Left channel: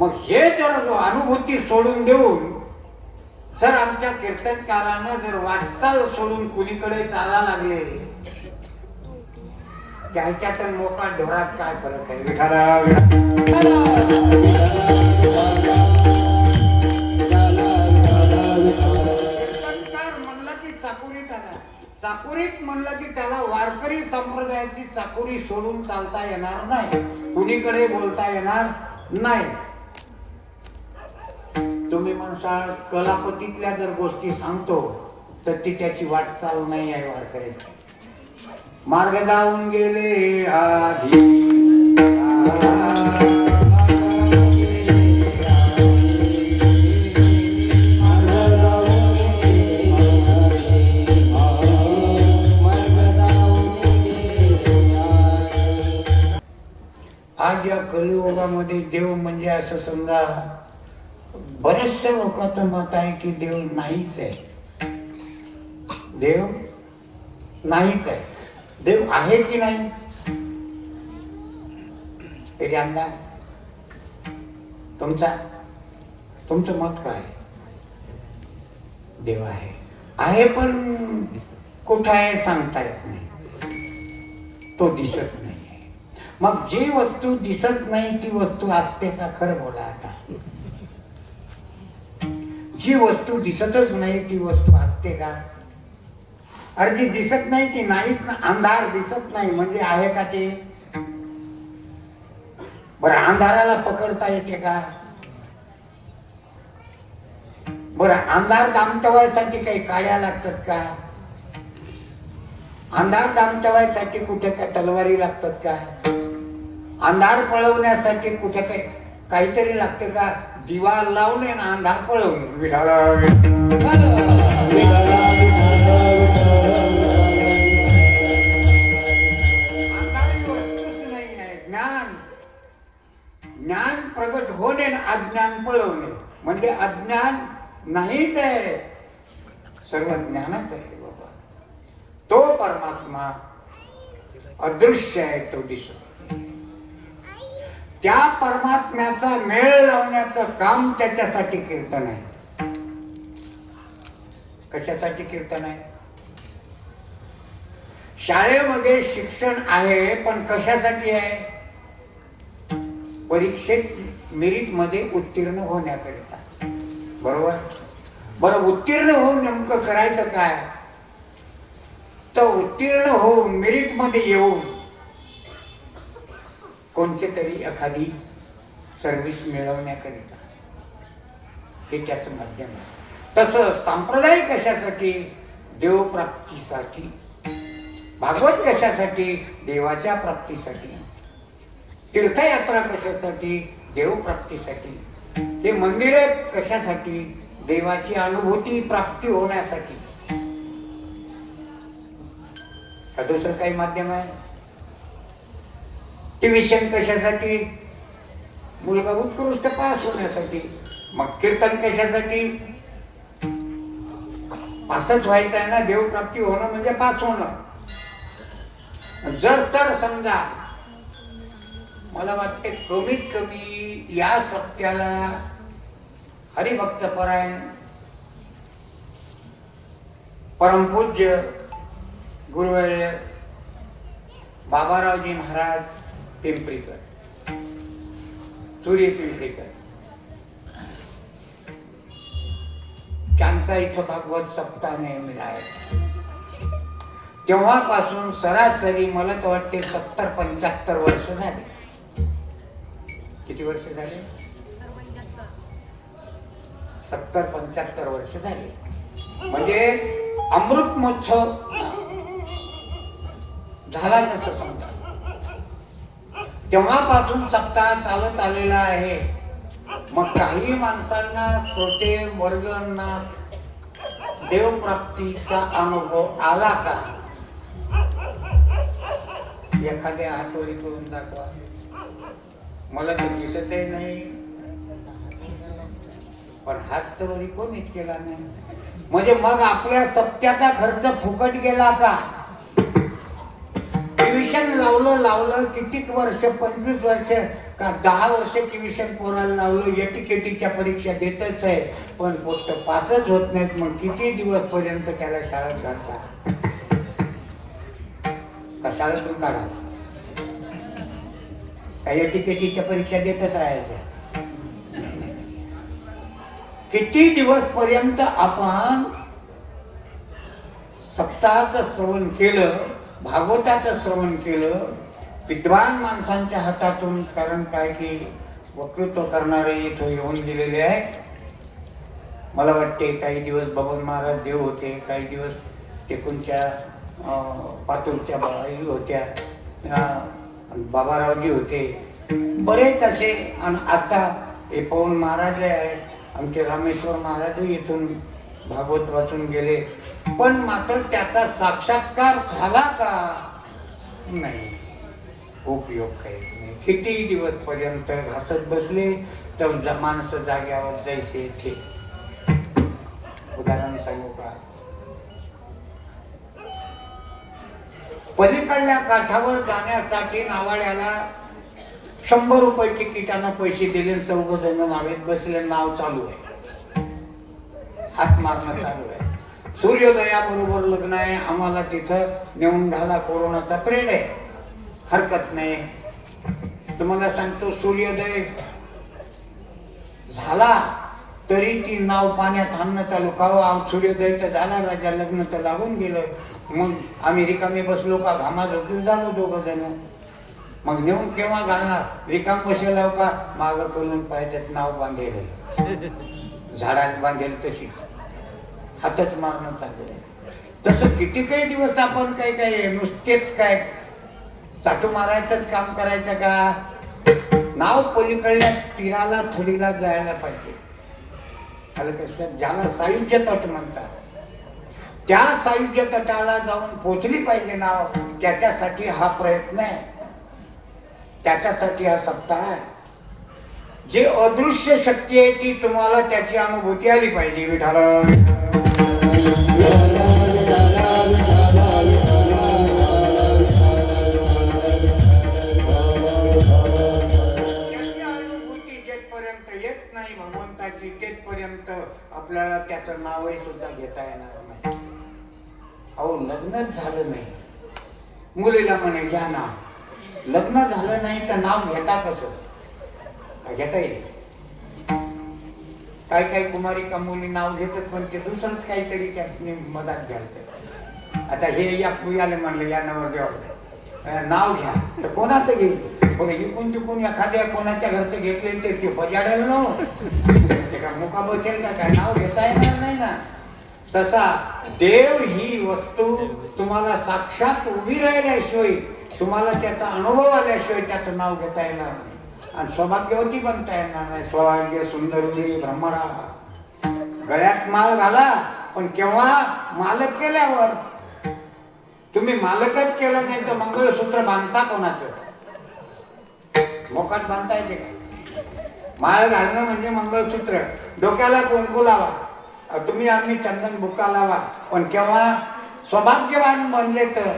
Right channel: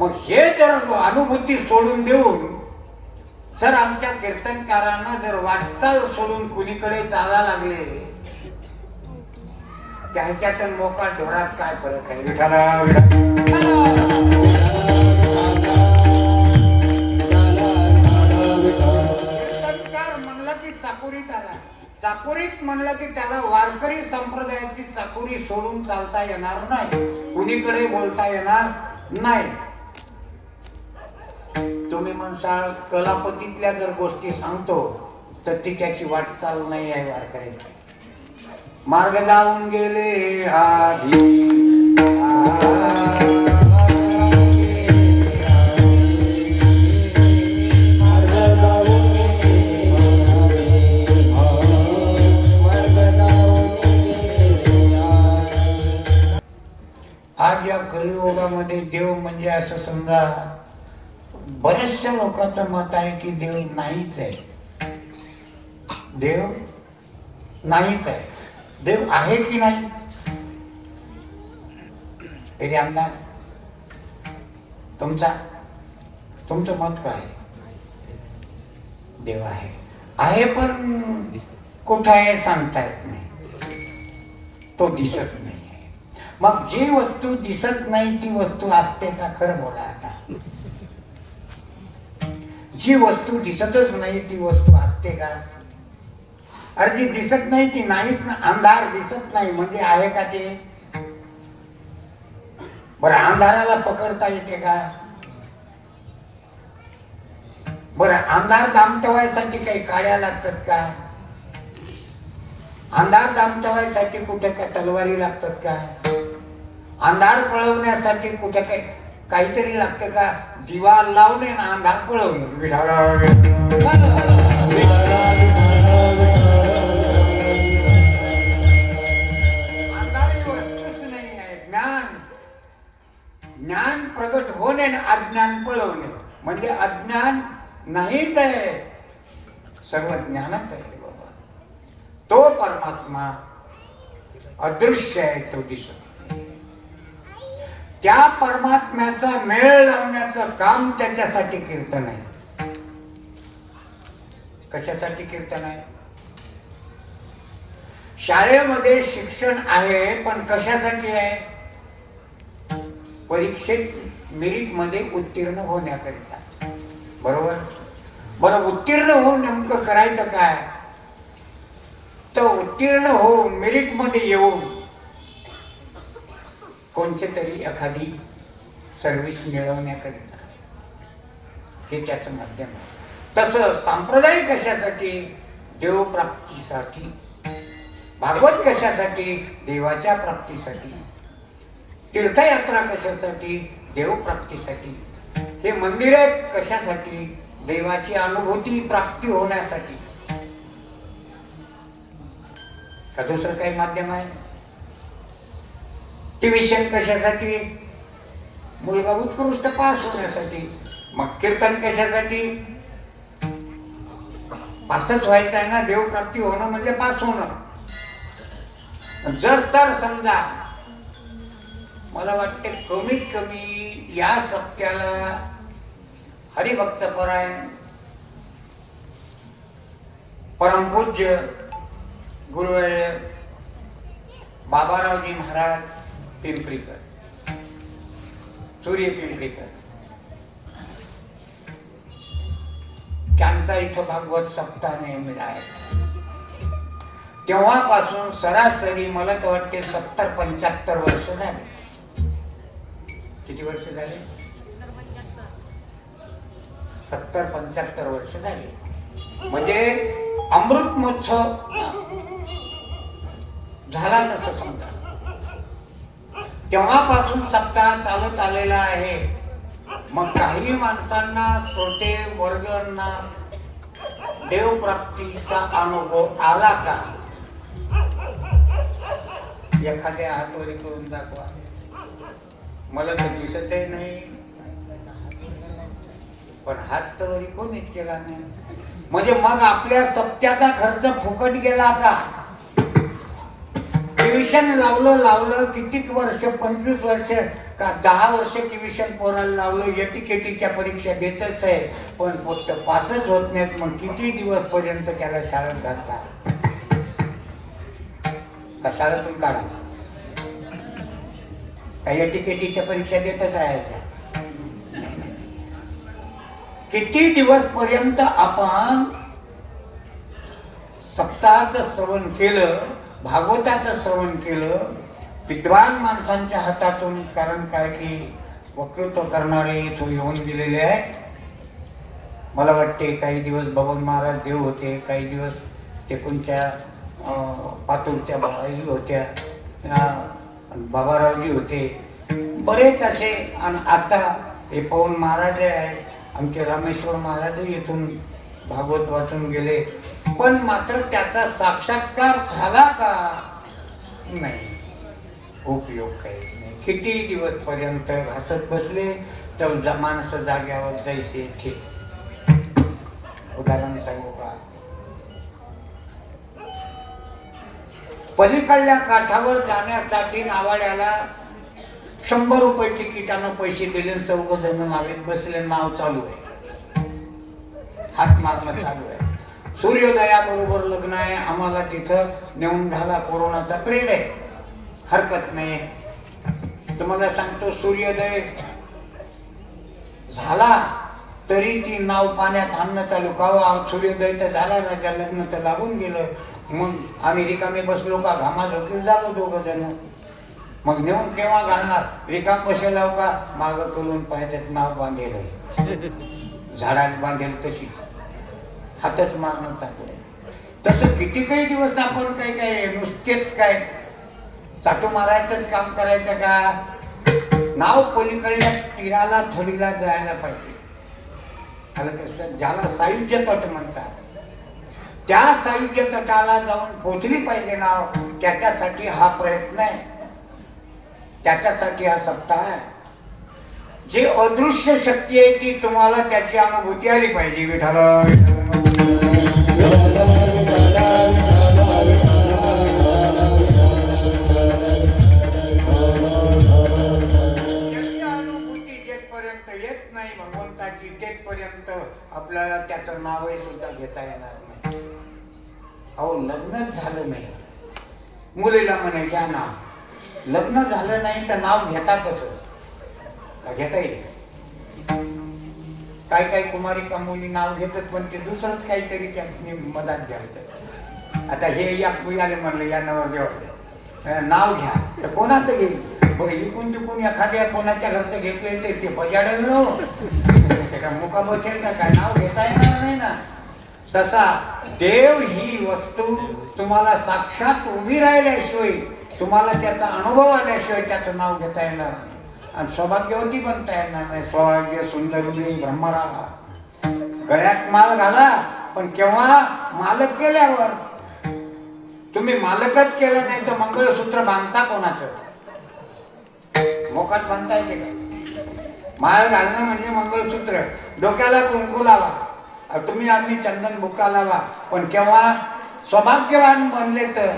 मग हे जर अनुभूती सोडून देऊन जर आमच्या कीर्तनकारांना जर वाटचाल सोडून कुणीकडे चालायला लागले, त्याच्यात मोका ढोरात काय फरक आहे? कीर्तनकार म्हणलं की चाकोरीत आला, चाकोरीत म्हणलं की त्याला वारकरी संप्रदायाची चाकोरी सोडून चालता येणार नाही, कुणीकडे बोलता येणार नाही. तुम्ही म्हणसाल कलापतीतल्या जर गोष्टी सांगतो तर ती त्याची वाटचाल नाही आहे. वारकरी मार्ग जाऊन गेले आधी, आज या कलियुगामध्ये देव म्हणजे असं समजा बऱ्याचशा लोकांचं मत आहे की देव नाहीच आहे. देव नाहीच आहे. देव आहे की नाही तरी अंदाज तुमचं मत काय? देव आहे पण कुठं आहे सांगता येत नाही, तो दिसत नाही. मग जी वस्तू दिसत नाही ती वस्तू असते का? खरं बोला आता. जी वस्तू दिसतच नाही ती वस्तू असते का? अरे जी दिसत नाही ती नाहीच ना. अंधार दिसत नाही म्हणजे आहे का ते? बरं अंधाराला पकडता येते का? बरं अंधार दामटवायसाठी काही काड्या लागतात का? अंधार दामटवायसाठी कुठे काय तलवारी लागतात का? अंधार पळवण्यासाठी कुठे काहीतरी लागतं का? दिवा लावणे ना अंधार पळवणे. ज्ञान प्रगट होणे अज्ञान पळवणे म्हणजे अज्ञान नाहीच आहे, सर्व ज्ञानच आहे. तो परमात्मा अदृश्य आहे, तो दिसतो. त्या परमात्म्याचा मेळ लावण्याचं काम त्याच्यासाठी कीर्तन आहे. कशासाठी कीर्तन आहे? शाळेमध्ये शिक्षण आहे पण कशासाठी आहे? परीक्षेत मेरिट मध्ये उत्तीर्ण होण्याकरिता. बरोबर. बरं उत्तीर्ण होऊन नेमकं करायचं काय? तर उत्तीर्ण होऊन मेरिट मध्ये येऊन कोणते तरी एखादी सर्व्हिस मिळवण्याकरिता हे त्याचं माध्यम आहे. तसं सांप्रदायिक कशासाठी? देवप्राप्तीसाठी. भागवत कशासाठी? देवाच्या प्राप्तीसाठी. तीर्थयात्रा कशासाठी? देवप्राप्तीसाठी. हे मंदिरे कशासाठी? देवाची अनुभूती प्राप्ती होण्यासाठी. का दुसरं काही माध्यम आहे? ट्युशन कशासाठी? मुलगा उत्कृष्ट पास होण्यासाठी. मग कीर्तन कशासाठी? पासच व्हायचं आहे ना. देवप्राप्ती होणं म्हणजे पास होणं. जर तर समजा मला वाटते कमीत कमी या सप्त्याला हरिभक्तपरायण परमपूज्य गुरुवर्य बाबारावजी महाराज पिंपरीकर, सूर्य पिंपरीकर, त्यांचा इथं भागवत सप्ताह नेहमी आहे. तेव्हापासून सरासरी मला तर वाटते 70-75 वर्ष झाले. किती वर्ष झाले? 70-75 वर्ष झाले. म्हणजे अमृत महोत्सव झाला तसं समजा. तेव्हापासून सप्ताह चालत आलेला आहे. मग काही माणसांना, श्रोते वर्गांना देवप्राप्तीचा अनुभव आला का? एखाद्या हातवरी करून दाखवा. मला तर दिसतही नाही पण हात तर वरी कोणीच केला नाही. म्हणजे मग आपल्या सप्त्याचा खर्च फुकट गेला का? ट्युशन लावलं कितीक वर्ष, 25 वर्ष का 10 वर्ष ट्युशन पोराला लावलं, एटीकेटीच्या परीक्षा देतच आहे, पण फक्त पासच होत नाहीत. मग किती दिवस पर्यंत त्याला शाळेत घालतात? का शाळेतून काढा? का एटीकेटीच्या परीक्षा देतच राहायच्या? किती दिवस पर्यंत आपण सप्ताहाचं श्रवण केलं, भागवताचं श्रवण केलं, विद्वान माणसांच्या हातातून? कारण काय की वक्तृत्व करणारे इथं येऊन गेलेले आहे. मला वाटते काही दिवस बबन महाराज देव होते, काही दिवस तेकुंच्या पातूरच्या बाई होत्या, बाबारावजी होते, बरेच असे. आणि आता हे पवन महाराज आहे, आमचे रामेश्वर महाराज इथून भागवत वाचून गेले, पण मात्र त्याचा साक्षात्कार झाला का? नाही, उपयोग काहीच नाही. किती दिवस पर्यंत हसत बसले तर माणसं जाग्यावर जायचे ठीक. उदाहरण सांगू का? पलीकडल्या काठावर जाण्यासाठी नावाड्याला 100 रुपये तिकिटानं पैसे दिले, 4 जण नावेत बसले, नाव चालू आहे, हात मारणं चालू आहे. सूर्योदयाबरोबर लग्न आहे, आम्हाला तिथं नेऊन घाला, कोरोनाचा प्रेड आहे, हरकत नाही. तुम्हाला सांगतो, सूर्योदय झाला तरी ती नाव पाण्यात आणणं चालू. का सूर्योदय तर झाला, माझ्या लग्न तर लागून गेलं. मग आम्ही रिकामी बसलो का, घामा झोकील झालो 2 जण. मग नेऊन केव्हा घालणार? रिकाम बसेल का, मागं करून पाहिजेत नाव बांधेल, झाडात बांधेल तशी हातच मारणं चालू. तसं किती काही दिवस आपण काय काय नुसतेच काय चाटू मारायचंच काम करायचं का? नाव पलीकडल्या तीराला थडीला जायला पाहिजे. कसं, ज्याला सायुज्य तट म्हणतात, त्या सायुज्य तटाला जाऊन पोचली पाहिजे नाव. त्याच्यासाठी हा प्रयत्न आहे, त्याच्यासाठी हा सप्ताह आहे. जी अदृश्य शक्ती आहे ती तुम्हाला त्याची अनुभूती आली पाहिजे. विठ्ठल येत नाही भगवंताची, तेथपर्यंत आपल्याला त्याचं नावही सुद्धा घेता येणार नाही. अहो, लग्नच झालं नाही, मुलीला म्हणे घ्या नाव. लग्न झालं नाही तर नाव घेता कसं? घेता येईल? काही काही कुमारी का मुली नाव घेतात, पण ते दुसरंच काहीतरी त्या मधात घ्यायचं. आता हे या पुयाने म्हणलं, या नवरदेवाला नाव घ्या, तर कोणाचं घेईल? इकून तिकून एखाद्या कोणाच्या घरचं घेतले ते बजाडेल ना, मुका बसेल का? काय नाव घेता येणार नाही ना. तसा देव ही वस्तू तुम्हाला साक्षात उभी राहिल्याशिवाय, तुम्हाला त्याचा अनुभव आल्याशिवाय त्याचं नाव घेता येणार नाही. आणि सौभाग्यवती बनता येणार नाही. सौभाग्य सुंदरी ब्रह्मरा, गळ्यात माल घाला, पण केव्हा? मालक केल्यावर. तुम्ही मालकच केलं नाही तर मंगळसूत्र बांधता कोणाचं? मोकाट बांधता येते का? माळ घालणं म्हणजे मंगळसूत्र. डोक्याला कुंकू लावा, तुम्ही आम्ही चंदन बुक्का लावा, पण केव्हा? सौभाग्यवान बनले तर.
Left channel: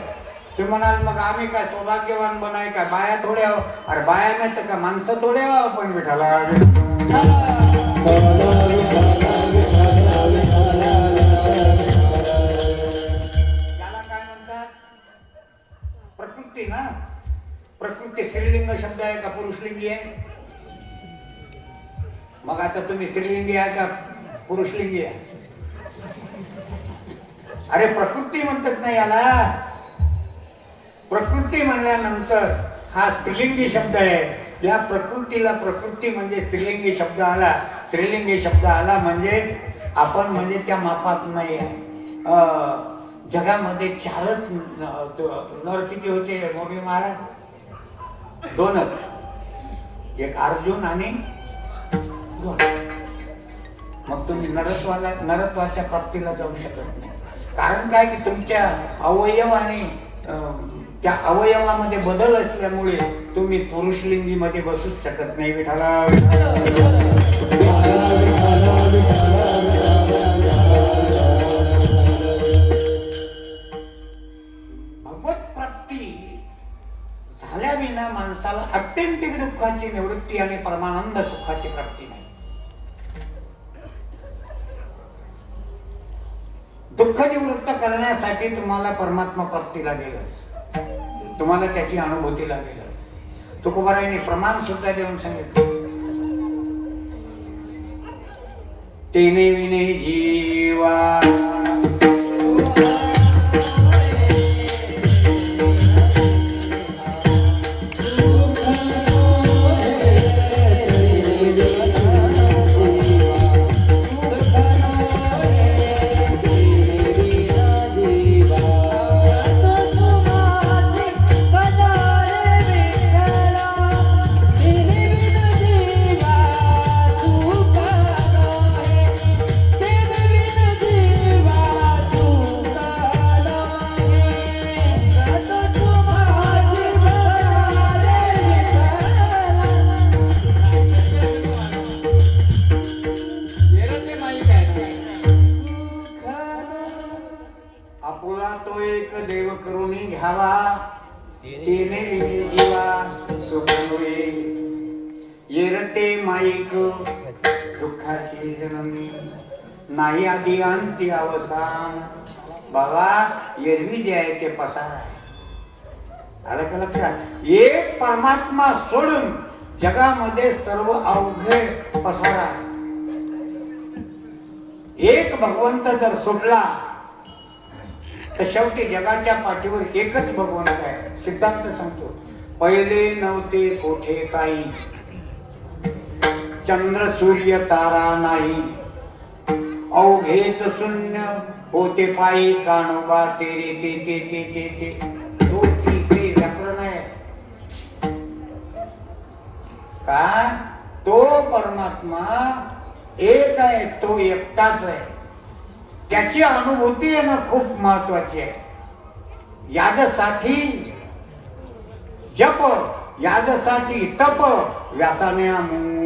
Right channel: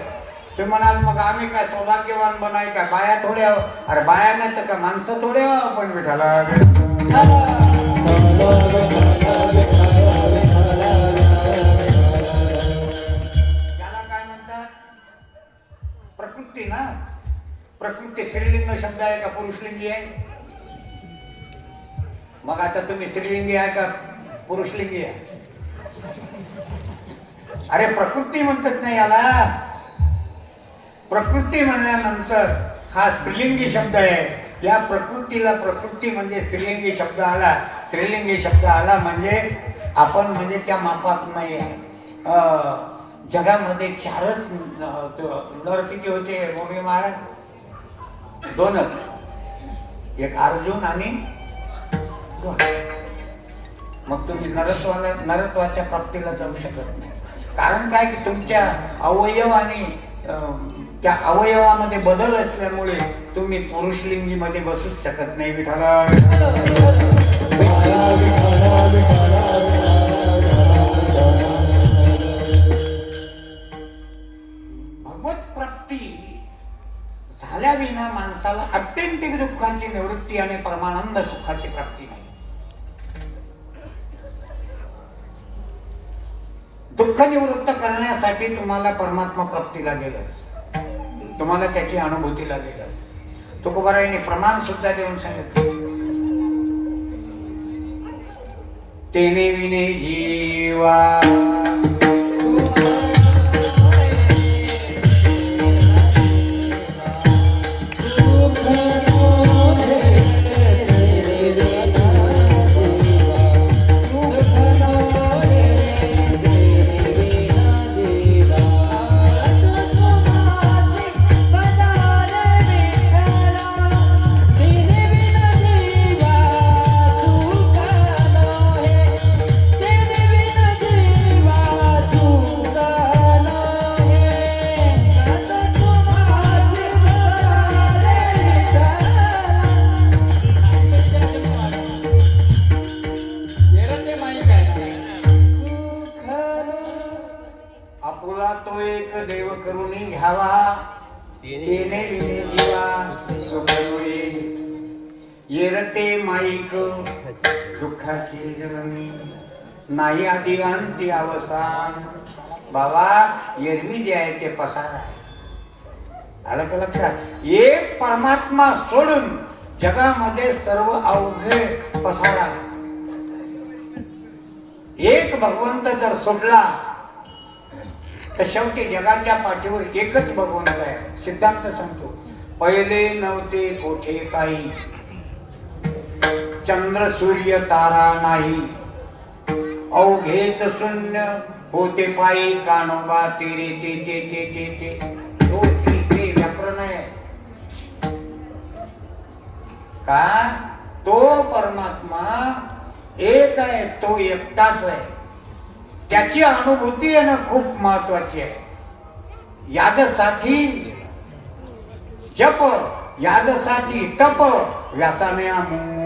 ते म्हणाल मग आम्ही काय सौभाग्यवान बनाय का? बाया थोड्या? अरे बाया नाही तर का माणसं थोडे आपण विठाला. त्याला काय म्हणतात? प्रकृती ना. प्रकृती स्त्रीलिंग शब्द आहे का पुरुषलिंगी आहे? मग आता तुम्ही स्त्रीलिंगी आहे का पुरुषलिंगी आहे? अरे प्रकृती म्हणतात नाही याला. प्रकृती म्हणल्यानंतर हा स्त्रीलिंगी शब्द आहे. या प्रकृतीला प्रकृती म्हणजे स्त्रीलिंगी शब्द आला. स्त्रीलिंगी शब्द आला म्हणजे आपण म्हणजे त्या मापात नाही आहे. जगामध्ये 4च नर किती होते मोदी महाराज? 2च. एक अर्जुन आणि 2. मग तुम्ही नरत्वाच्या प्राप्तीला जाऊ शकत नाही. कारण काय की तुमच्या अवयव आणि त्या अवयवामध्ये बदल असल्यामुळे तुम्ही पुरुषलिंगी मध्ये बसूच शकत नाही. विठाला भगवत प्राप्ती झाल्या विना माणसाला अत्यंतिक दुःखाची निवृत्ती आणि परमानंद सुखाची प्राप्ती नाही. दुःख निवृत्त करण्यासाठी तुम्हाला परमात्मा प्राप्ती लागेलच, तुम्हाला त्याची अनुभूती लागेलच. तुकोबारायांनी प्रमाण सुद्धा देऊन सांगितलं, तेने विने जीवा आपुला तो एक देव करून घ्यावा, तेने विने जीवा सुखमुळे येरते माईक दुःखाची जननी, नाही आधी अंती अवसान. बाबा एरवी जे आहे ते पसार आहे. आलं का लक्षात? एक परमात्मा सोडून जगामध्ये सर्व अवघे पसार आहे. एक भगवंत जर सोडला तर शेवटी जगाच्या पाठीवर एकच भगवंत आहे. सिद्धांत सांगतो, पहिले नव्हते कोठे काही, चंद्र सूर्य तारा नाही, अवघेच शून्य होते पायी, कानोबा तेरे ते ते ते ते ते होती ते व्याकरण आहे का? तो परमात्मा एक आहे, तो एकटाच आहे. त्याची अनुभूती येणं खूप महत्वाची आहे. याजसाठी जप, याजसाठी तप, व्यासाने अमूप.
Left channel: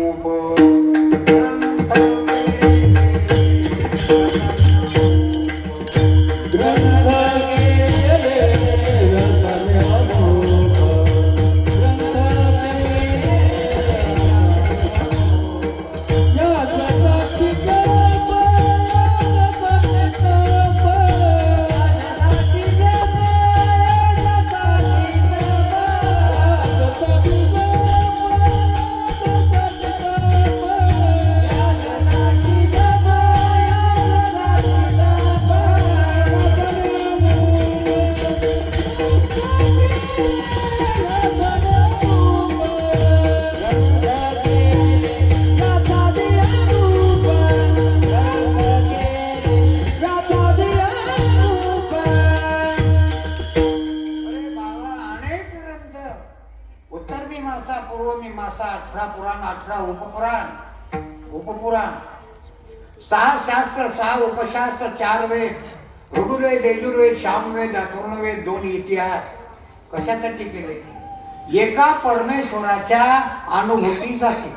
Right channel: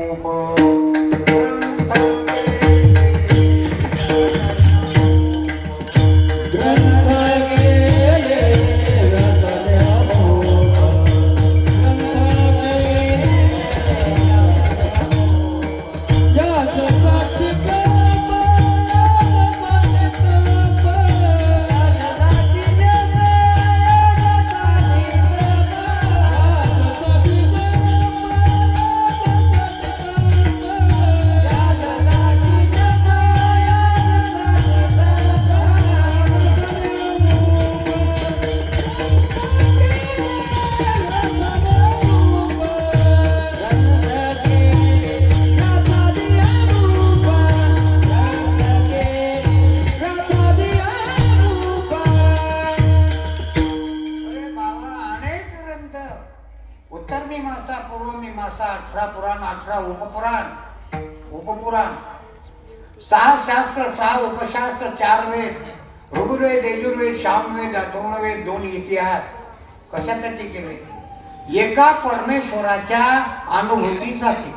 उपपुराण, 6 शास्त्र, 6 उपशास्त्र, 4 वेद, ऋग्वेद, यजुर्वेद, सामवेद, अथर्ववेद, 2 इतिहास कशासाठी केले? एका परमेश्वराच्या अनुभूतीसाठी.